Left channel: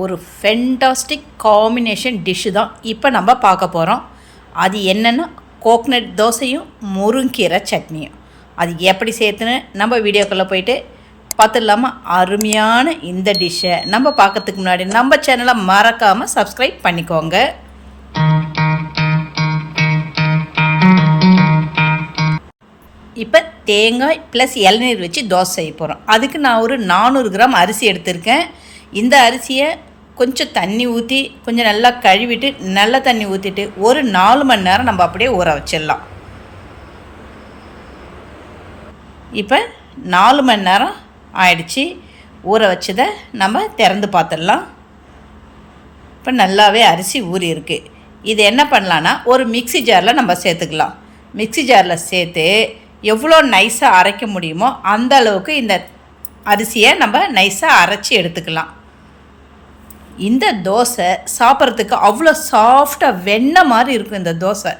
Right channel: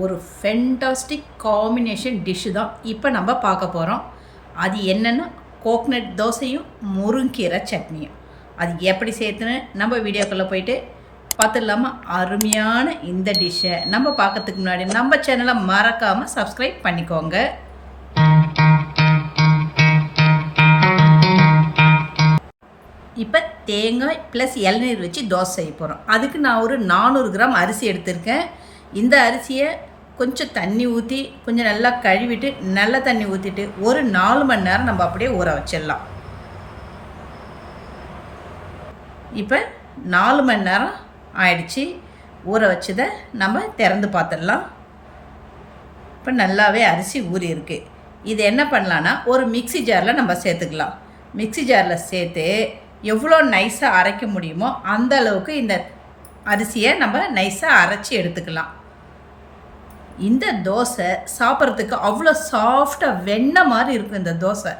ஒரு fantastic combination dish தான் இப்போ நம்ம பார்க்க போகிறோம் அது என்னென்னா கோக்னட் தோசையும் முருங்கீரை சட்னியும். அது எப்படி சேர்த்துன்னு நம்ம வீடியோக்குள்ளே போயிட்டு பார்த்துடலாமா? அருமையான இந்த டிஷ்ஷை நம்ம பார்க்கறதுக்கு முன்னாடி நம்ம சேனலை மறக்காமல் சப்ஸ்கிரைப் பண்ணிக்கோங்க. இப்போ தேங்காய் ப்ளஸ் இளநீர் வச்சு தோசை செய்ய போகிறோம் அதுக்கு நான் ஒரு நானூறு கிராம் அரிசி எடுத்திருக்கேன். இந்த அரிசியை கொஞ்சம் தண்ணி ஊற்றி கொஞ்சம் நல்லா கழுவிட்டு நல்ல தண்ணி ஊற்றிட்டு ஒரு நாலு மணி நேரம் நம்ம அப்படியே ஊற வச்சிடலாம். இப்போ நாலு மணி நேரம் ஆயிடுச்சு. ஊற வச்சதை நம்ம திறந்து பார்த்துடலாம். இப்போ நல்லாவே அரிசி ஊறி இருக்கு. இது என்ன பண்ணலான்னா ஒரு மிக்ஸி ஜாரில் நம்ம சேர்த்துக்கலாம். மிக்ஸி ஜாரில் சேர்த்து எவ்வளோ நைஸாக அரைக்க முடியுமோ அந்த அளவுக்கு இந்த அரிசியை நம்ம நைஸாக அரைச்சி எடுத்துக்கலாம். இந்த தோசை சாப்பிட்றதுக்கு அவ்வளோ சாஃப்டாக வெண்ணெய் மாதிரி இருக்கும் இந்த தோசை.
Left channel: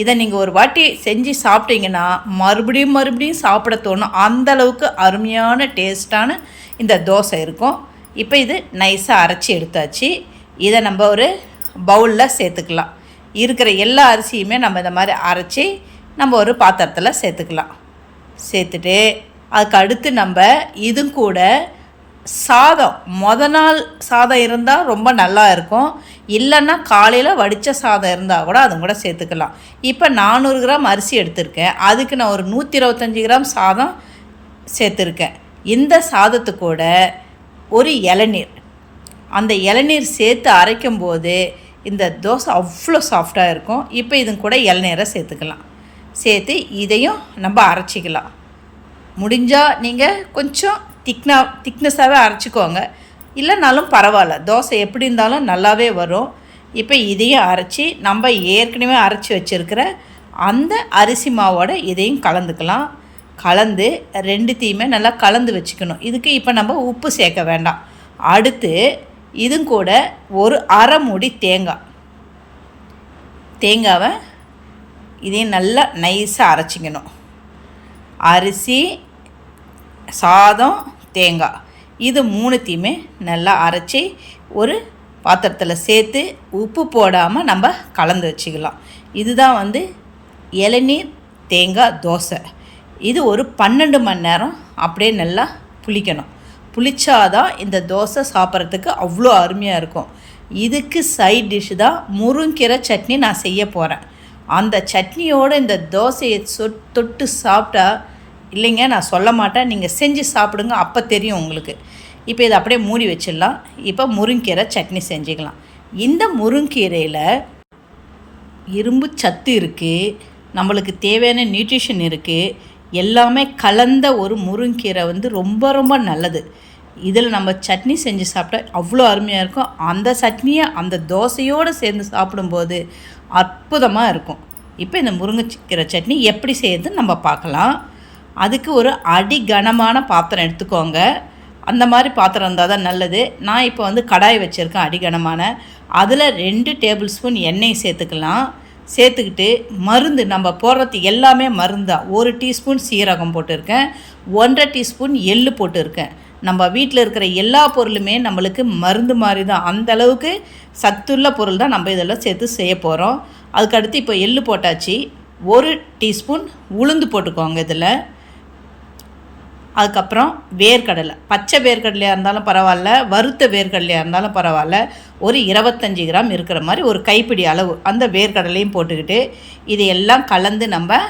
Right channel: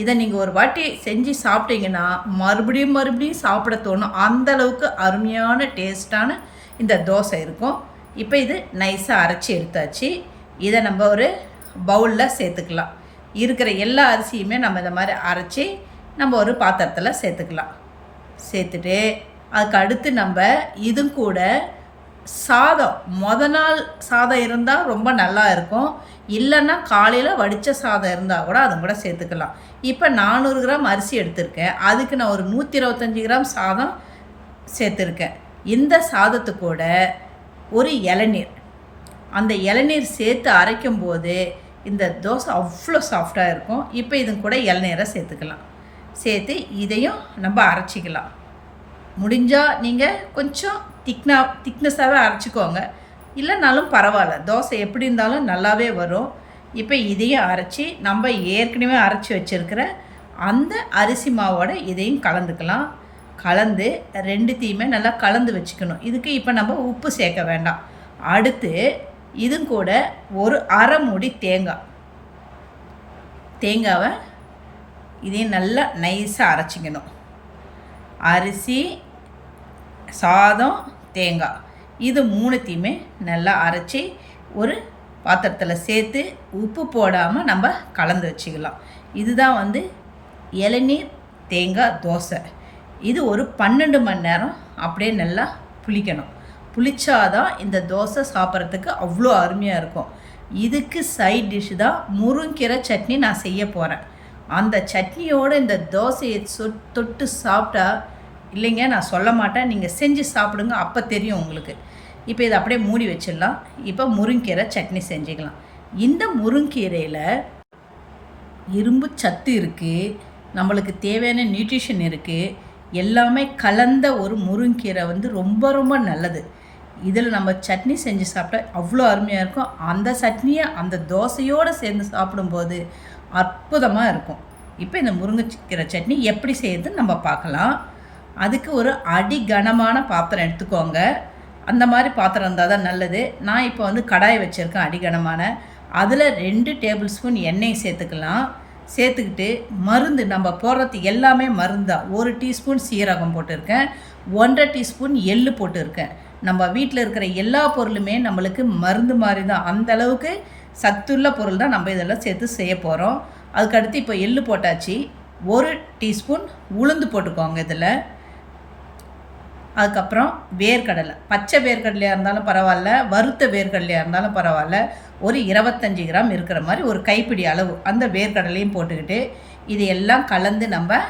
இதை நீங்கள் ஒரு வாட்டி செஞ்சு சாப்பிட்டீங்கன்னா மறுபடியும் மறுபடியும் சாப்பிட தோணும். அந்தளவுக்கு அருமையான டேஸ்ட்டான இந்த தோசை இருக்கும். இப்போ இது நைஸாக அரைச்சி எடுத்தாச்சு. இதை நம்ம ஒரு பவுலில் சேர்த்துக்கலாம். இருக்கிற எல்லா அரிசியுமே நம்ம இந்த மாதிரி அரைச்சி நம்ம ஒரு பாத்திரத்தில் சேர்த்துக்கலாம். சேர்த்துட்டு அதுக்கு அடுத்து நம்ம இதுவும் கூட சாதம். மொத நாள் சாதம் இருந்தால் ரொம்ப நல்லா இருக்கும். இல்லைன்னா காலையில் வடித்த சாதம் இருந்தால் கூட அதுவும் கூட சேர்த்துக்கலாம். இப்போ நானூறு கிராம் அரிசி எடுத்திருக்கேன். அதுக்கு நான் ஒரு நூற்றி இருபத்தஞ்சி கிராம் சாதம் சேர்த்துருக்கேன். இந்த சாதத்து கூட ஒரு இளநீர். அந்த இளநீர் சேர்த்து அரைக்கும் போது இந்த தோசை அவ்வளோ சாஃப்டாக இருக்கும். இப்போ இது கூட இளநீரை சேர்த்துக்கலாம். சேர்த்து இதையும் நம்ம அரைச்சிக்கலாம். முடிஞ்சால் நீங்கள் கொஞ்சம் திக்னா திக்னஸாகவே அரைச்சிக்கோங்க. இல்லைனாலும் பரவாயில்ல. தோசை எப்படி இருந்தாலும் நல்லாவே வரும். இப்போ இதையும் அரைச்சி நம்ம ஏற்கனவே அரைச்சி வச்சுருக்கிற அந்த அரிசி மாவோட இதையும் கலந்துக்கலாம். கலந்து ரெண்டுத்தையுமே நல்லா கலந்து வச்சுக்கணும். இதுக்கு இப்போ நம்ம உப்பு சேர்க்க வேண்டாம். அடுத்து இதுவும் கூட ஒரு அரை மூடி தேங்காய். தேங்காவை இதையும் நல்லா நைஸாக அரைச்சிக்கணும். அரிசி சாதம் தேங்காய் இது மூணுத்தையுமே நல்லா அரைச்சி ஒரு பாத்திரத்தில் சேர்த்து உப்பு போடாமல் நம்ம கலந்து வச்சுக்கலாம். இதுதான் வந்து இளநீர் தேங்காய் தோசை. இது ஒரு பன்னெண்டு மணி நேரம் அப்படியே நல்லா புளிக்கணும். புளிச்சாதான் இந்த தோசை சாப்பிட்றதுக்கு அவ்வளோ அருமையாக இருக்கும். இதுக்கு சைட் டிஷ் தான் முருங்கீரை சட்னி நான் செய்ய போகிறேன் அந்த சட்னியோடு இந்த தோசையை சொ தொட்டு சாப்பிட்டா இல்லைங்க நான் சொல்ல மாட்டேன். நீங்கள் செஞ்சு சாப்பிடுங்க அப்போ தெரியும் உங்களுக்கு. இப்போ இதை அப்படியே மூடி வச்சிடலாம். இப்போ முருங்கீரை சட்னி செஞ்சுக்கலாம். இந்த முருங்கீரையில் இரும்பு சத்து இருக்குது நம்மளுக்கு தேவையான நியூட்ரிஷன் இருக்குது எல்லாமே கலந்த ஒரு முருங்கீரை வந்து ரொம்ப ரொம்ப நல்லது. இதில் நம்ம சட்னி செஞ்சு சாப்பிட்டா அவ்வளோ அருமையாக இருக்கும். அந்த சட்னியை அந்த தோசையோடு சேர்ந்து சாப்பிடும்போது அற்புதமாக இருக்கும். இப்போ இந்த முருங்கைக்கீரை சட்னி எப்படி செய்யுதுன்னு நம்ம பார்க்கலாம். அதுக்கு ஒரு அடி கனமான பாத்திரம் எடுத்துக்கோங்க. அந்த மாதிரி பாத்திரம் இருந்தால் தான் நல்லது. நான் இப்போ வந்து கடாய் வச்சுருக்கேன் அடிகனமான. அதில் ரெண்டு டேபிள் ஸ்பூன் எண்ணெய் சேர்த்துக்கலாம். சேர்த்துக்கிட்டு மருந்து நம்ம போடுறது எல்லாமே மருந்தாக ஒரு டீஸ்பூன் சீரகம் போட்டிருக்கேன். ஒன்றரை டீஸ்பூன் எள்ளு போட்டிருக்கேன். நம்ம வீட்டில் இருக்கிற எல்லா பொருளுமே நம்மளுக்கு மருந்து மாதிரி தான். அந்த அளவுக்கு சத்துள்ள பொருள் தான் நம்ம இதெல்லாம் சேர்த்து செய்ய போகிறோம் அதுக்கடுத்து இப்போ எள்ளு போட்டாச்சு. ஒரு டீஸ்பூன் உளுந்து போட்டுக்கோங்க இதில். அதுக்கப்புறம் வேர்க்கடலை. பச்சை வேர்க்கடலையாக இருந்தாலும் பரவாயில்ல வறுத்த வேர்க்கடலையாக இருந்தாலும் பரவாயில்ல. ஒரு இருபத்தஞ்சி கிராம் இருக்கிற மாதிரி ஒரு கைப்பிடி அளவு அந்த வேர்க்கடலையும் போட்டுக்கிட்டு இது எல்லாம் கலந்து நம்ம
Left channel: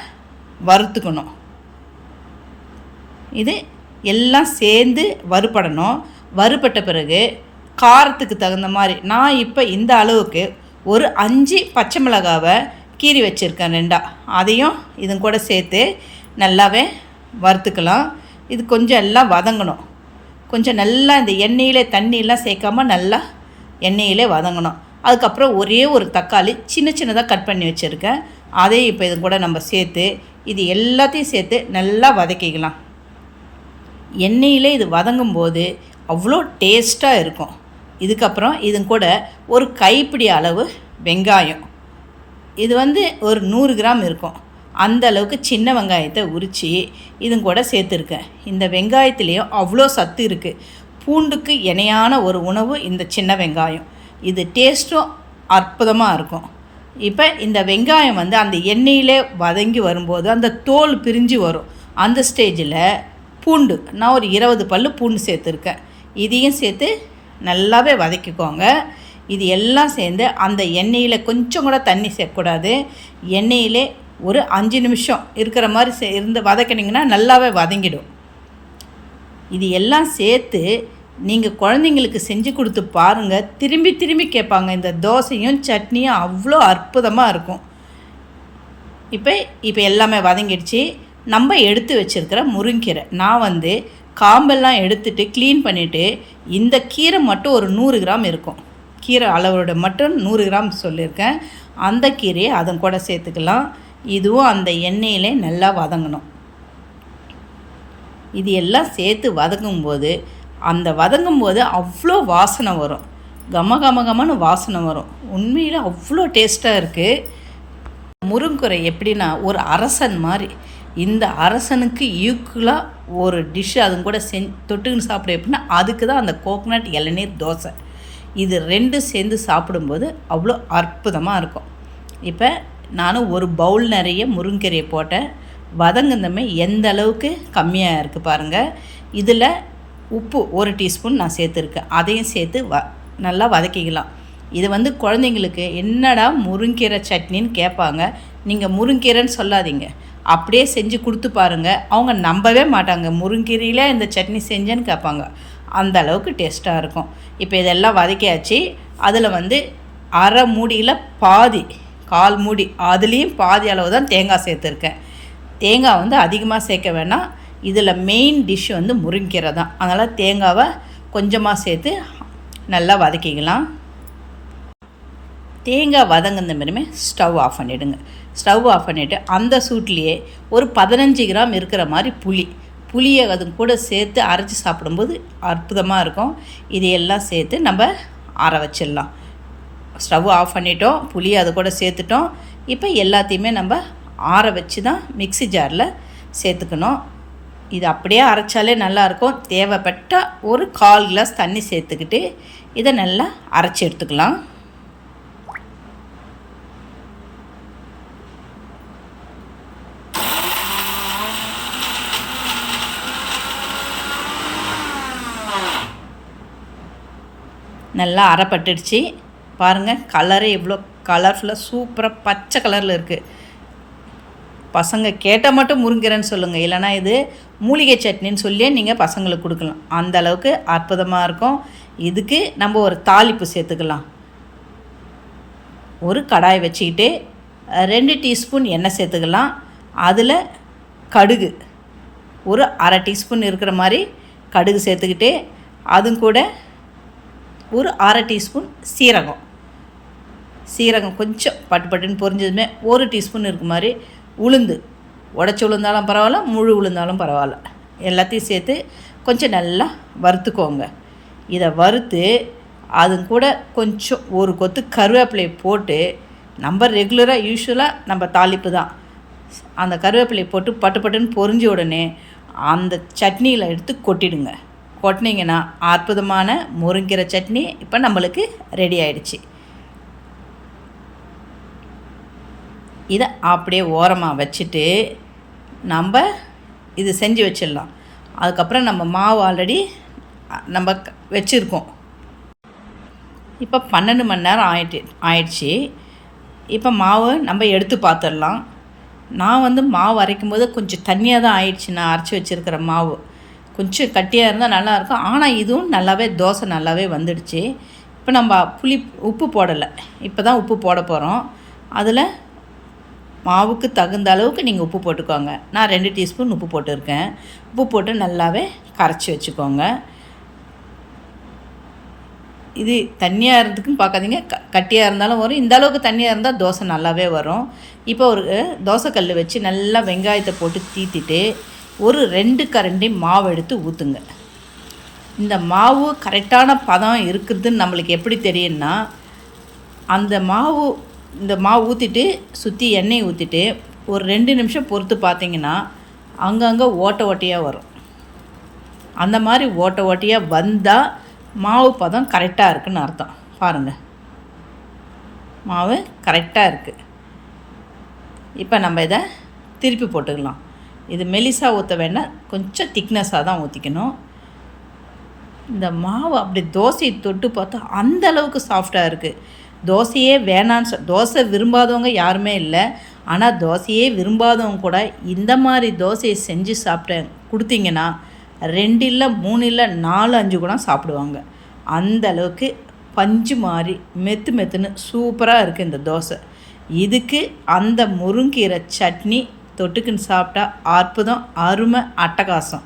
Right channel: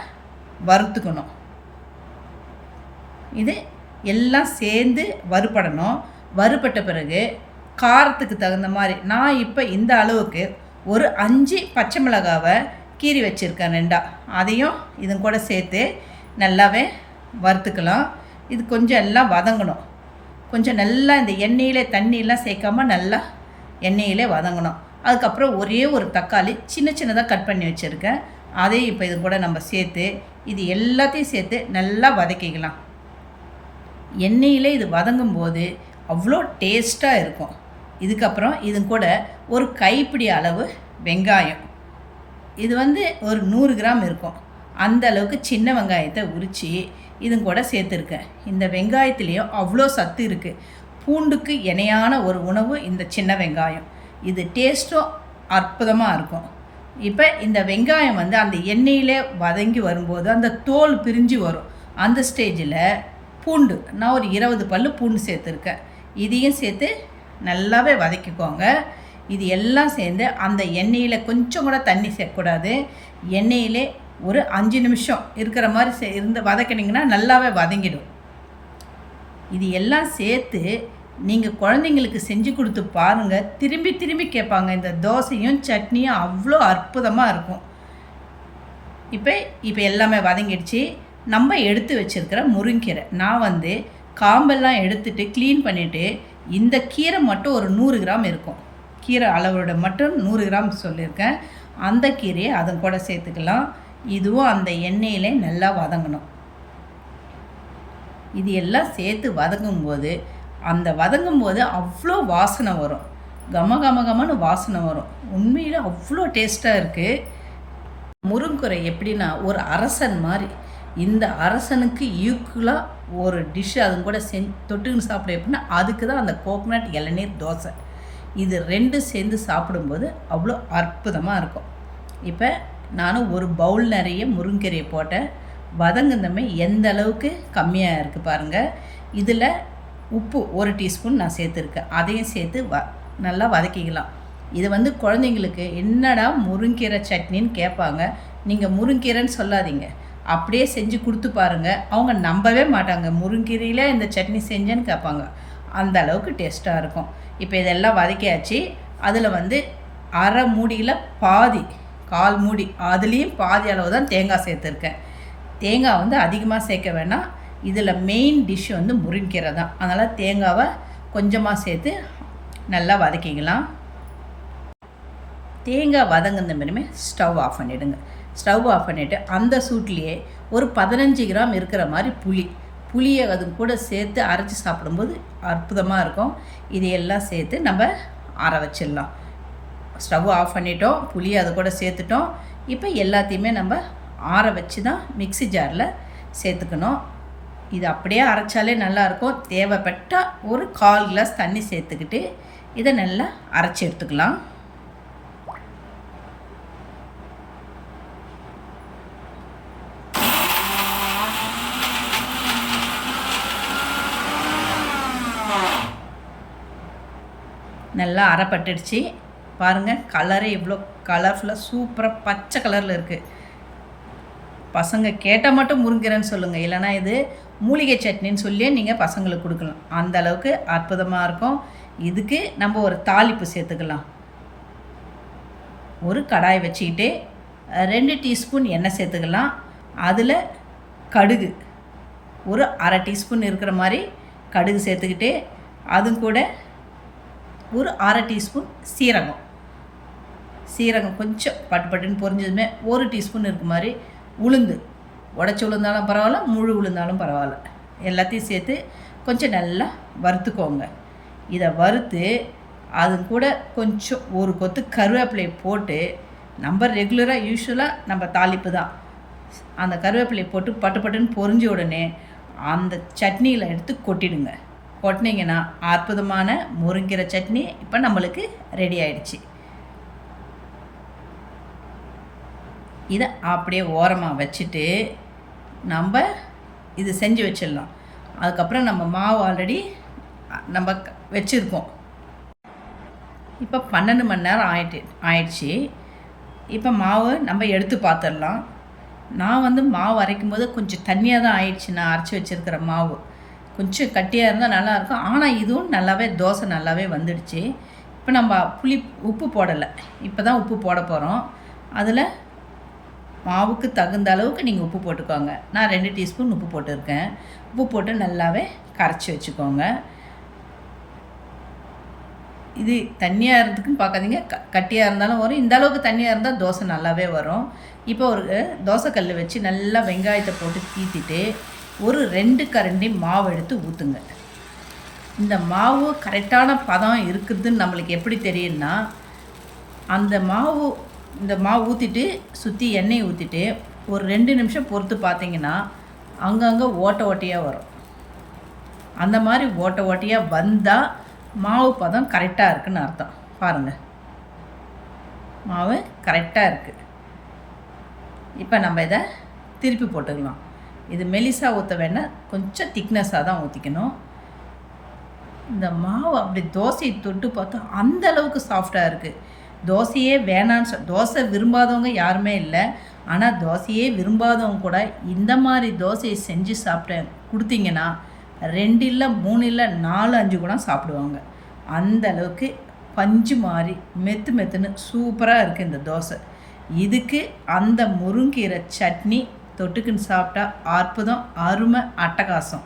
வறுத்துக்கணும். இது எல்லாம் சேர்ந்து வறுபடணும். வறுபட்ட பிறகு காரத்துக்கு தகுந்த மாதிரி நான் இப்போ இந்த அளவுக்கு ஒரு அஞ்சு பச்சை மிளகாவை கீறி வச்சுருக்கேன் ரெண்டா. அதையும் இதும் கூட சேர்த்து நல்லாவே வறுத்துக்கலாம். இது கொஞ்சம் எல்லாம் வதங்கணும். கொஞ்சம் நல்லா இந்த எண்ணெயிலே தண்ணியெலாம் சேர்க்காமல் நல்லா எண்ணெயிலே வதங்கணும். அதுக்கப்புறம் ஒரே ஒரு தக்காளி சின்ன சின்னதாக கட் பண்ணி வச்சுருக்கேன். அதையும் இப்போ இது கூட நம்ம சேர்த்து இது எல்லாத்தையும் சேர்த்து நல்லா வதக்கிக்கலாம். எண்ணெயிலே இது வதங்கும் போது அவ்வளோ டேஸ்ட்டாக இருக்கும். இதுக்கப்புறம் இது கூட ஒரு கைப்பிடி அளவு வெங்காயம். இது வந்து ஒரு நூறு கிராம் இருக்கும். அந்த அளவுக்கு சின்ன வெங்காயத்தை உரித்து இதுங்க கூட சேர்த்துருக்கேன். இந்த வெங்காயத்துலேயும் அவ்வளோ சத்து இருக்குது பூண்டுக்கு இணையான ஒரு உணவு இந்த சின்ன வெங்காயம். இது டேஸ்ட்டும் அற்புதமாக இருக்கும். இப்போ இந்த வெங்காயம் வந்து அந்த எண்ணெயிலே வதங்கி வரும்போது அந்த தோல் பிரிஞ்சு வரும். அந்த ஸ்டேஜில் பூண்டு நான் ஒரு இருபது பல்லு பூண்டு சேர்த்துருக்கேன். இதையும் சேர்த்து நல்லாவே வதக்கிக்கோங்க. இது எல்லாம் சேர்ந்து அந்த எண்ணெயில் கொஞ்சம் கூட தண்ணி சேர்க்கக்கூடாது. எண்ணெயிலே ஒரு அஞ்சு நிமிஷம் இருக்கிற மாதிரி சே இருந்து வதக்கினீங்கன்னா நல்லாவே வதங்கிடும். இது எல்லாம் சேர்த்து நீங்கள் குழந்தைங்களுக்கு செஞ்சு கொடுத்து பாருங்கள் திரும்பி திரும்பி கேட்பாங்க. இந்த தோசையும் சட்னியும் அவ்வளோ அற்புதமாக இருக்கும். இப்போ இப்போ எல்லாமே வதங்கிடுச்சு. நம்ம எடுத்து வச்சுருக்கிற முருங்கீரை. நான் வந்து காம்பெல்லாம் எடுத்துட்டு க்ளீன் பண்ணிவிட்டு இந்த கீரை மட்டும் ஒரு நூறு கிராம் இருக்கும். கீரை அளவோட மட்டும் நூறு கிராம் சொல்லியிருக்கேன். அந்த கீரையை அதன் கூட சேர்த்துக்கலாம். இதுவும் அந்த எண்ணெயிலே நல்லா வதங்கணும். இது எல்லாம் சேர்த்து வதங்கும்போது அந்த வதங்கும்போது அவ்வளோ வாசனை வரும். கம கம கமன்னு வாசனை வரும். உண்மையில் அவ்வளோ டேஸ்ட்டாக இருக்குது முருங்குறை எப்படின்னா ஒரு அரசன் மாதிரி. இந்த அரசனுக்கு ஈக்குவலாக ஒரு டிஷ் அதுங்க கூட செஞ் தொட்டுக்குன்னு சாப்பிட எப்படின்னா அதுக்கு தான் அந்த கோகனட் இளநீர் தோசை. இது ரெண்டும் சேர்ந்து சாப்பிடும்போது அவ்வளோ அற்புதமாக இருக்கும். இப்போ நானும் ஒரு பவுல் நிறைய முருங்கீரையை போட்டேன். வதங்குந்தமே எந்த அளவுக்கு கம்மியாக இருக்குது பாருங்கள் இதில் உப்பு ஒரு டீஸ்பூன் நான் சேர்த்துருக்கேன். அதையும் சேர்த்து வ நல்லா வதக்கிக்கலாம். இது வந்து குழந்தைங்களுக்கு என்னடா முருங்கீரை சட்னின்னு கேட்பாங்க. நீங்கள் முருங்கீரைன்னு சொல்லாதீங்க. அப்படியே செஞ்சு கொடுத்து பாருங்கள் அவங்க நம்பவே மாட்டாங்க. முருங்கீரையில் இந்த சட்னி செஞ்சேன்னு கேட்பாங்க. அந்த அளவுக்கு டேஸ்ட்டாக இருக்கும். இப்போ இதெல்லாம் வதக்கியாச்சு. அதில் வந்து அரை மூடியில் பாதி கால் மூடி அதுலேயும் பாதி அளவு தான் தேங்காய் சேர்த்துருக்கேன். தேங்காய் வந்து அதிகமாக சேர்க்க வேணாம். இதில் மெயின் டிஷ் வந்து முருங்கீரை தான் அதனால் தேங்காவை கொஞ்சமாக சேர்த்து நல்லா வதக்கிக்கலாம். தேங்காய் வதங்கின மாரியுமே ஸ்டவ் ஆஃப் பண்ணிவிடுங்க ஸ்டவ் ஆஃப் பண்ணிவிட்டு அந்த சூட்லேயே ஒரு பதினஞ்சு கிராம் இருக்கிற மாதிரி புளி. புளியை அது கூட சேர்த்து அரைச்சி சாப்பிடும்போது அற்புதமாக இருக்கும். இதையெல்லாம் சேர்த்து நம்ம ஆற வச்சிடலாம். ஸ்டவ் ஆஃப் பண்ணிட்டோம் புளி அது கூட சேர்த்துட்டோம். இப்போ எல்லாத்தையுமே நம்ம ஆற வச்சு தான் மிக்சி ஜாரில் சேர்த்துக்கணும். இது அப்படியே அரைச்சாலே நல்லாயிருக்கும் தேவைப்பட்டால் ஒரு கால் கிளாஸ் தண்ணி சேர்த்துக்கிட்டு இதை நல்லா அரைச்சி எடுத்துக்கலாம். நல்லா அரைப்பட்டுடுச்சு. பாருங்கள் கலரு எவ்வளோ கலர்ஃபுல்லாக சூப்பராக பச்சை கலரில் இருக்குது பசங்க கேட்டால் மட்டும் முருங்கிறேன்னு சொல்லுங்கள் இல்லைனா இது மூலிகை சட்னின்னு சொல்லியே நீங்கள் பசங்களுக்கு கொடுக்கலாம். அந்த அளவுக்கு அற்புதமாக இருக்கும். இதுக்கு நம்ம ஒரு தாளிப்பு சேர்த்துக்கலாம். ஒரு கடாய் வச்சுக்கிட்டு ரெண்டு டீஸ்பூன் எண்ணெய் சேர்த்துக்கலாம். அதில் கடுகு. ஒரு அரை டீஸ்பூன் இருக்கிற மாதிரி கடுகு சேர்த்துக்கிட்டு அதுவும் கூட ஒரு அரை டீஸ்பூன் சீரகம். சீரகம் கொஞ்சம் பட்டு பட்டுன்னு பொரிஞ்சதுமே ஒரு டீஸ்பூன் இருக்க மாதிரி உளுந்து. உடச்சி உளுந்தாலும் பரவாயில்ல முழு உளுந்தாலும் பரவாயில்ல. எல்லாத்தையும் சேர்த்து கொஞ்சம் நல்லா வறுத்துக்கோங்க. இதை வறுத்து அது கூட கொஞ்சம் ஒரு கொத்து கருவேப்பிலையை போட்டு நம்ம ரெகுலராக யூஸ்வலாக நம்ம தாளிப்பு தான். அந்த கருவேப்பிலையை போட்டு பட்டு பட்டுன்னு பொரிஞ்ச உடனே அந்த சட்னியில் எடுத்து கொட்டிடுங்க. கொட்டினீங்கன்னா அற்புதமான முருங்கீரை சட்னி இப்போ நம்மளுக்கு ரெடி ஆயிடுச்சு. இதை அப்படியே ஓரமாக வச்சுட்டு நம்ம இது செஞ்சு வச்சிடலாம். அதுக்கப்புறம் நம்ம மாவு ஆல்ரெடி நம்ம வச்சுருக்கோம். இப்போ பன்னெண்டு மணி நேரம் ஆயிட்டு ஆயிடுச்சு. இப்போ மாவு நம்ம எடுத்து பார்த்துடலாம் நான் வந்து மாவு அரைக்கும் போது கொஞ்சம் தண்ணியாக தான் ஆயிடுச்சு. நான் அரைச்சி வச்சுருக்கிற மாவு. கொஞ்சம் கட்டியாக இருந்தால் நல்லாயிருக்கும். ஆனால் இதுவும் நல்லாவே தோசை நல்லாவே வந்துடுச்சு. இப்போ நம்ம புளி உப்பு போடலை. இப்போ தான் உப்பு போட போகிறோம் அதில் மாவுக்கு தகுந்த அளவுக்கு நீங்கள் உப்பு போட்டுக்கோங்க. நான் ரெண்டு டீஸ்பூன் உப்பு போட்டிருக்கேன். உப்பு போட்டு நல்லாவே கரைச்சி வச்சுக்கோங்க. இது தண்ணியாக இருந்ததுக்குன்னு பார்க்காதீங்க க கட்டியாக இருந்தாலும் வரும். இந்த அளவுக்கு தண்ணியாக இருந்தால் தோசை நல்லாவே வரும். இப்போ ஒரு தோசைக்கல் வச்சு நல்லா வெங்காயத்தை போட்டு தீத்திட்டு ஒரு ரெண்டு கரண்டி மாவு எடுத்து ஊற்றுங்க இந்த மாவு கரெக்டான பதம் இருக்குதுன்னு நம்மளுக்கு எப்படி தெரியும்னா அந்த மாவு இந்த மாவு ஊற்றிட்டு சுற்றி எண்ணெய் ஊற்றிட்டு ஒரு ரெண்டு நிமிஷம் பொறுத்து பார்த்தீங்கன்னா அங்கங்கே ஓட்டை ஓட்டையாக வரும். அந்த மாதிரி ஓட்ட ஓட்டையாக வந்தால் மாவு பதம் கரெக்டாக இருக்குன்னு அர்த்தம். பாருங்கள் மாவு கரெக்டாக இருக்குது இப்போ நம்ம இதை திருப்பி போட்டுக்கலாம். இது மெலிசா ஊற்ற வேணால் கொஞ்சம் திக்னஸாக தான் ஊற்றிக்கணும் இந்த மாவு அப்படி தோசையை தொட்டு பார்த்தா அந்த அளவுக்கு சாஃப்டாக இருக்குது தோசையே வேணான்னு சொ தோசை விரும்பாதவங்க யாருமே இல்லை. ஆனால் தோசையே விரும்பாதவங்க கூட இந்த மாதிரி தோசையை செஞ்சு சாப்பிட்டேன் கொடுத்தீங்கன்னா ரெண்டு இல்லை மூணு இல்லை நாலு அஞ்சு கூட சாப்பிடுவாங்க. அந்த அளவுக்கு பஞ்சு மாதிரி மெத்து மெத்துன்னு சூப்பராக இருக்குது இந்த தோசை. இதுக்கு அந்த முருங்கீரை சட்னி தொட்டுக்குன்னு சாப்பிட்டா அற்புதம் அருமை அட்டகாசம்.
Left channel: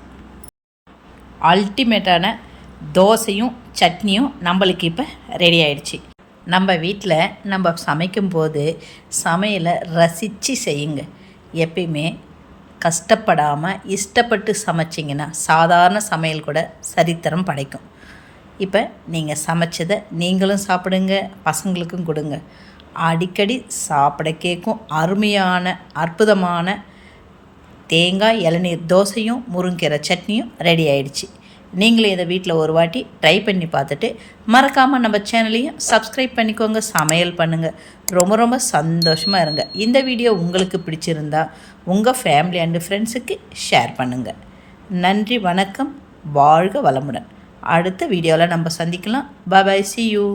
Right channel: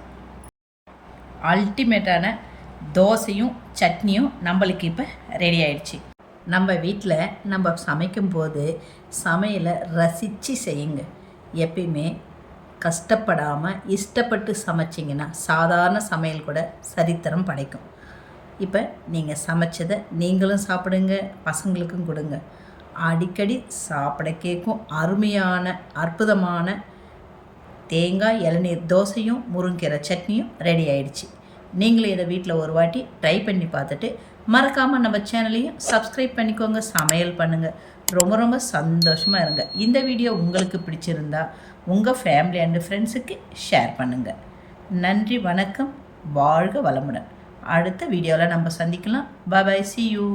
அல்டிமேட்டான தோசையும் சட்னியும் நம்மளுக்கு இப்போ ரெடி ஆயிடுச்சு. நம்ம வீட்டில் நம்ம சமைக்கும்போது சமையலை ரசித்து செய்யுங்க. எப்பயுமே கஷ்டப்படாமல் இஷ்டப்பட்டு சமைச்சிங்கன்னா சாதாரண சமையல் கூட சரித்திரம் படைக்கும். இப்போ நீங்கள் சமைச்சதை நீங்களும் சாப்பிடுங்க பசங்களுக்கும் கொடுங்க. அடிக்கடி சாப்பிட கேட்கும் அருமையான அற்புதமான தேங்காய் இளநீர் தோசையும் முருங்கீரை சட்னியும் ரெடி ஆயிடுச்சு. நீங்களும் இதை வீட்டில் ஒரு வாட்டி ட்ரை பண்ணி பார்த்துட்டு மறக்காமல் நம்ம சேனலையும் சப்ஸ்கிரைப் பண்ணிக்கோங்க சமையல் பண்ணுங்கள் ரொம்ப ரொம்ப சந்தோஷமாக இருங்க. இந்த வீடியோ உங்களுக்கு பிடிச்சிருந்தா உங்கள் ஃபேமிலி அண்டு ஃப்ரெண்ட்ஸுக்கு ஷேர் பண்ணுங்கள் நன்றி வணக்கம் வாழ்க வளமுடன். அடுத்த வீடியோவில் நம்ம சந்திக்கலாம். பாய் சி யூ